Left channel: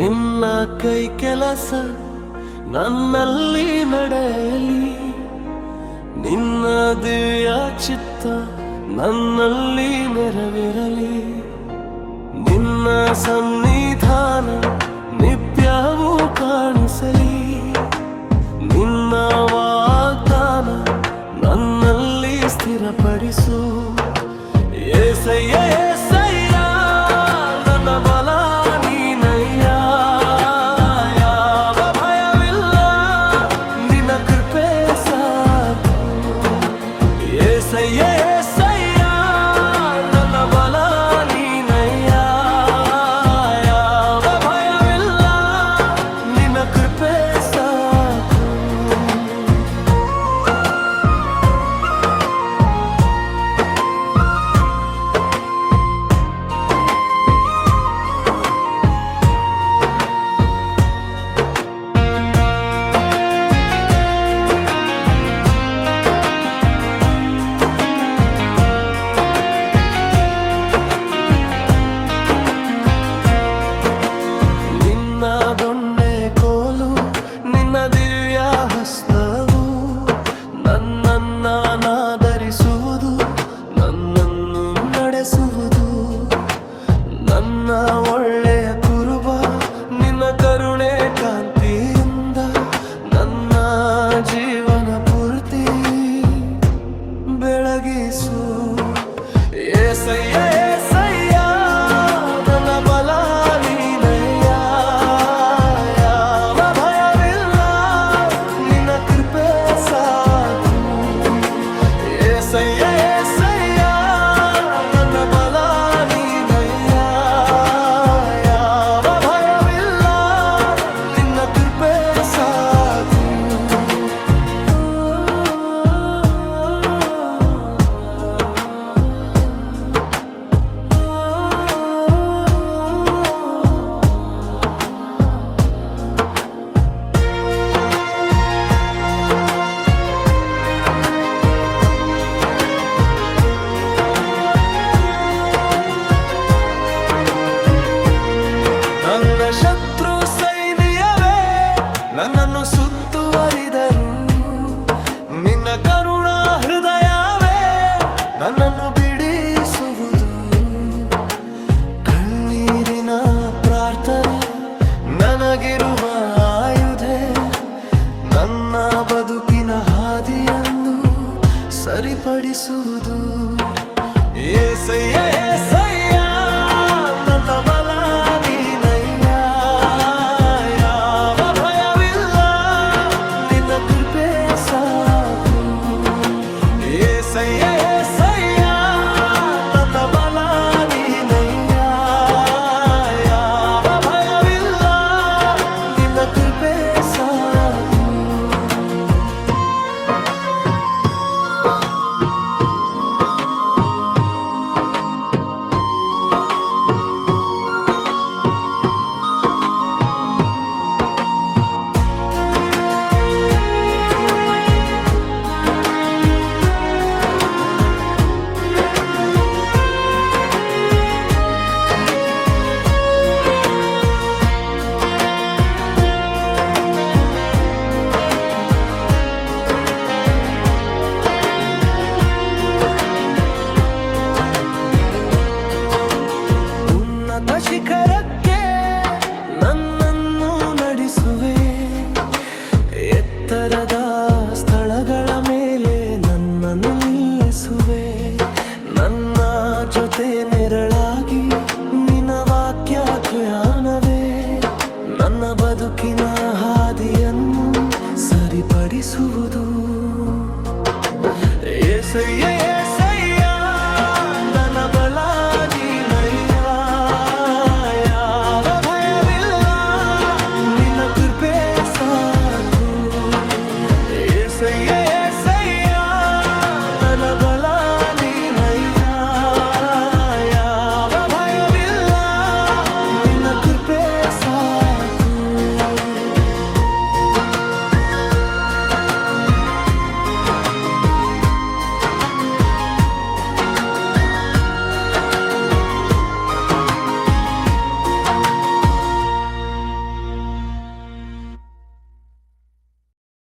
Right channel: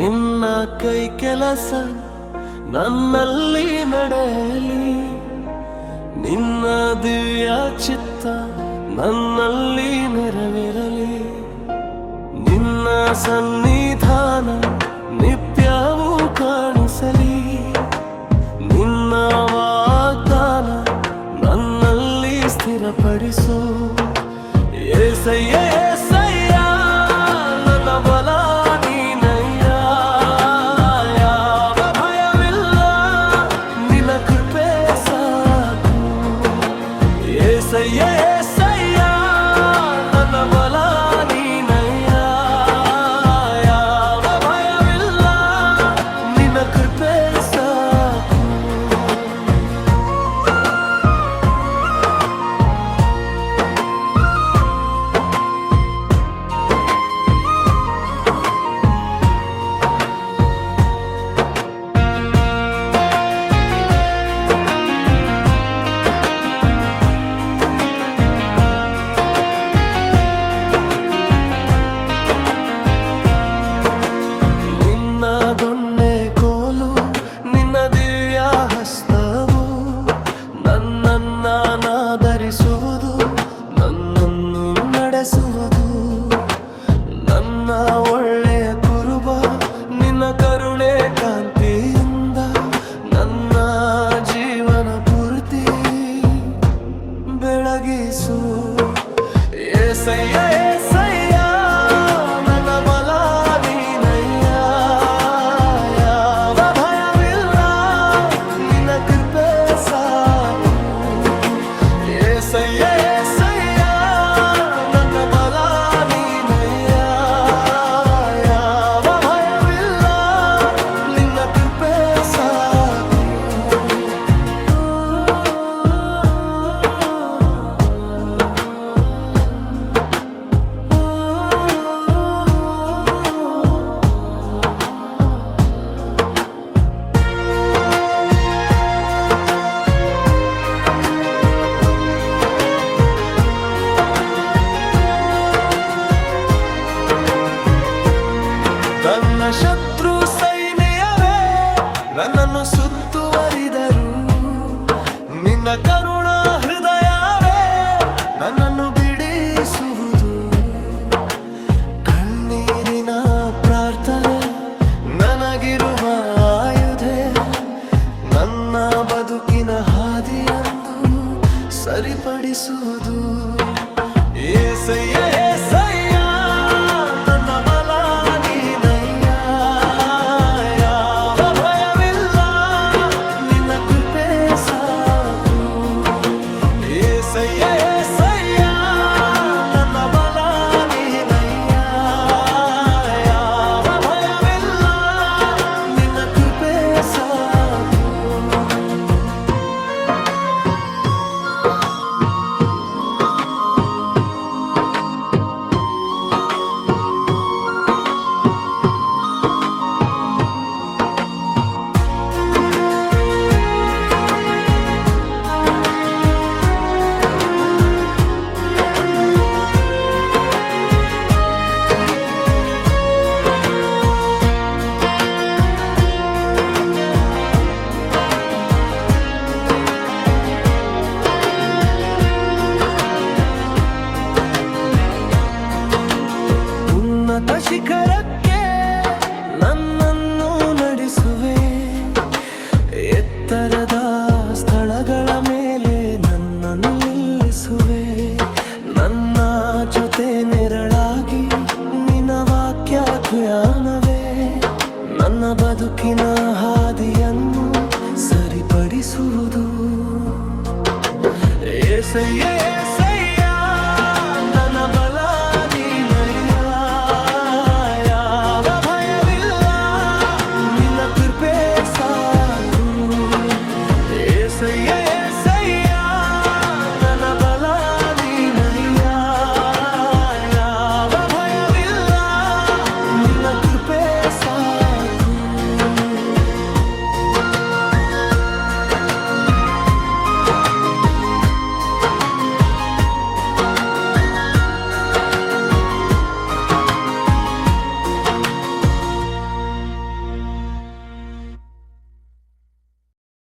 ನಿನ್ನ ಕೈ ಕೆಲಸ ನನ್ನಲ್ಲಿ ನಡೆಯಲಿ, ನಿನ್ನ ದಿವ್ಯ ಚಿತ್ತ ನನ್ನಲ್ಲಿ ನೆರವೇರಲಿ. ನಿನ್ನ ಸನ್ನಿಧಾನ ನಿತ್ಯವೂ ಕಾಣಿಸಲಿ, ನಿನ್ನ ವಾಗ್ದಾನ ನನ್ನಲ್ಲಿ ಸ್ಥಿರಪಡಿಸು. ಏಸಯ್ಯ ಏಸಯ್ಯ ನನ್ನ ಬಲ ನೀನಯ್ಯ, ಯಾವ ಭಯವಿಲ್ಲ ನಿನ್ನ ಕೃಪೆ ಸಾಕು. ಏಸಯ್ಯ ಏಸಯ್ಯ ನನ್ನ ಬಲ ನೀನಯ್ಯ, ಯಾವ ಭಯವಿಲ್ಲ ನಿನ್ನ ಕೃಪೆ ಸಾಕು. ದೊಣ್ಣೆ ಕೋಲು ನಿನ್ನ ದಿವ್ಯ ಹಸ್ತವು ನನ್ನನ್ನಾಧರಿಸುವುದು, ನನ್ನನ್ನು ನಡೆಸುವುದು. ನನ್ನ ಒಳ್ಳೆಯ ಕುರುಬ ನಿನ್ನ ಕರುಣೆ ಕಾಂತಿಯಿಂದ ನನ್ನ ಜೀವನ ಪೂರ್ತಿ ಬೆಳಗಿಸು. ಏಸಯ್ಯ ಏಸಯ್ಯ ನನ್ನ ಬಲ ನೀನಯ್ಯ, ಯಾವ ಭಯವಿಲ್ಲ ನಿನ್ನ ಕೃಪೆ ಸಾಕು. ಏಸಯ್ಯ ಏಸಯ್ಯ ನನ್ನ ಬಲ ನೀನಯ್ಯ, ಯಾವ ಭಯವಿಲ್ಲ ನಿನ್ನ ಕೃಪೆ ಸಾಕು. ನನ್ನ ಶತ್ರು ಸೈನ್ಯವೇ ನನ್ನನ್ನು ಸುತ್ತುವರಿದರು, ನಿನ್ನ ಕರುಣಾ ಹೃದಯವೇ ನನ್ನನ್ನು ಬಿಡಿಸುವುದು. ಕಣ್ಣೀರಿನ ಪ್ರಾರ್ಥನೆ ನನಗಿರುವ ಆಯುಧ, ನನ್ನ ಬದುಕಿನ ಹಾದಿಯನ್ನು ಸರಿಪಡಿಸುವುದು. ಏಸಯ್ಯ ಏಸಯ್ಯ ನನ್ನ ಬಲ ನೀನಯ್ಯ, ಯಾವ ಭಯವಿಲ್ಲ ನಿನ್ನ ಕೃಪೆ ಸಾಕು. ಏಸಯ್ಯ ಏಸಯ್ಯ ನನ್ನ ಬಲ ನೀನಯ್ಯ, ಯಾವ ಭಯವಿಲ್ಲ ನಿನ್ನ ಕೃಪೆ ಸಾಕು. ಉನ್ನತ ಶಿಖರಕ್ಕೆ ನನ್ನನ್ನು ನಡೆಸುವೆ, ಎತ್ತರದ ಸ್ಥಳಗಳ ಮೇಲೆ ನನ್ನನ್ನು ನಿಲ್ಲಿಸುವೆ. ನನ್ನ ಜೊತೆ ನೆರಳಾಗಿ ನಿನ್ನ ವಾಕ್ಯ ಜ್ಞಾನವೇ ನನ್ನ ಬದುಕಿನ ಹಾದಿಯನ್ನು ಸರಿಪಡಿಸುವುದು. ಏಸಯ್ಯ ಏಸಯ್ಯ